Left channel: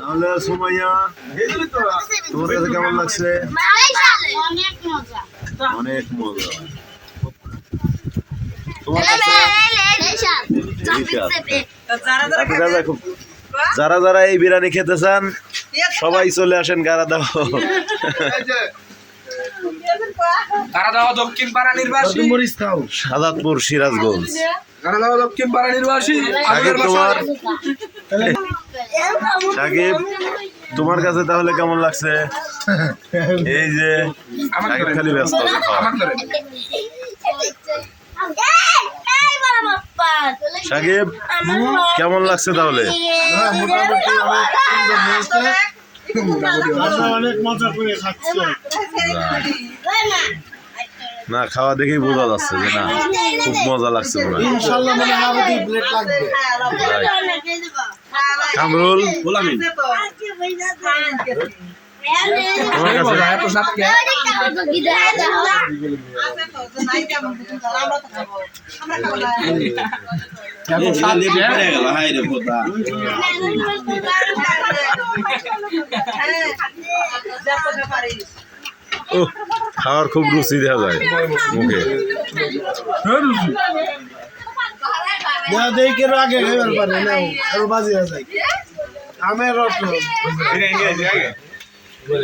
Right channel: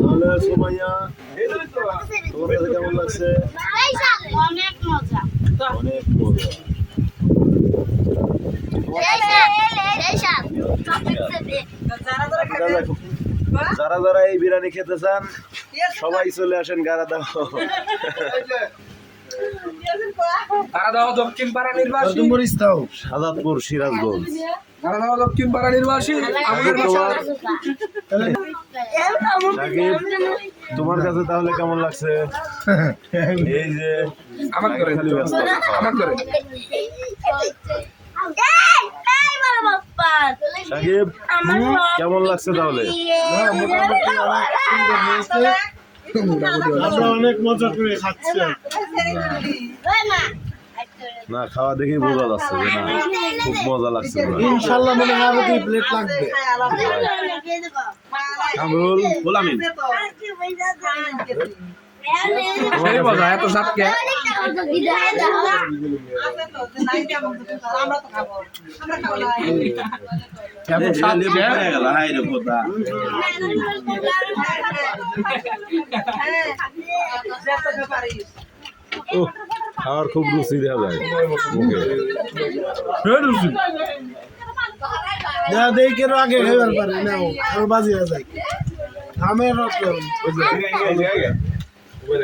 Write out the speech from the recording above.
তাহলে সুমাইয়া তোমার কাছে কেমন লাগছে? অনেক মজা। যারা যারা এই বিরিয়ানি খেতে চান সবাই চলে আসেন গারাদাও। দক্ষিণ পাড়া নির্বাসী সাদাতপুর সিরাজগঞ্জ। দক্ষিণ পাড়া নির্বাসী সাকিব তোমার সাকিব তোমার কাছে তাহলে কেমন লাগছে? এই যে সাকিব খালি ব্যস্ত। সাকিব কেমন লাগছে তাহলে? অনেক মজা করে খাচ্ছে। না খাওয়া দেখেই বোঝা যাচ্ছে যে না খুব মজা লাগছে। ইনশাআল্লাহ মনে হয় আরো 2 প্লেট লাগবে। কামরুল খাওয়ার খুব রুচি দেখা যায় মুখে। দেখে আগে খেবার পারে না বাজি যায়।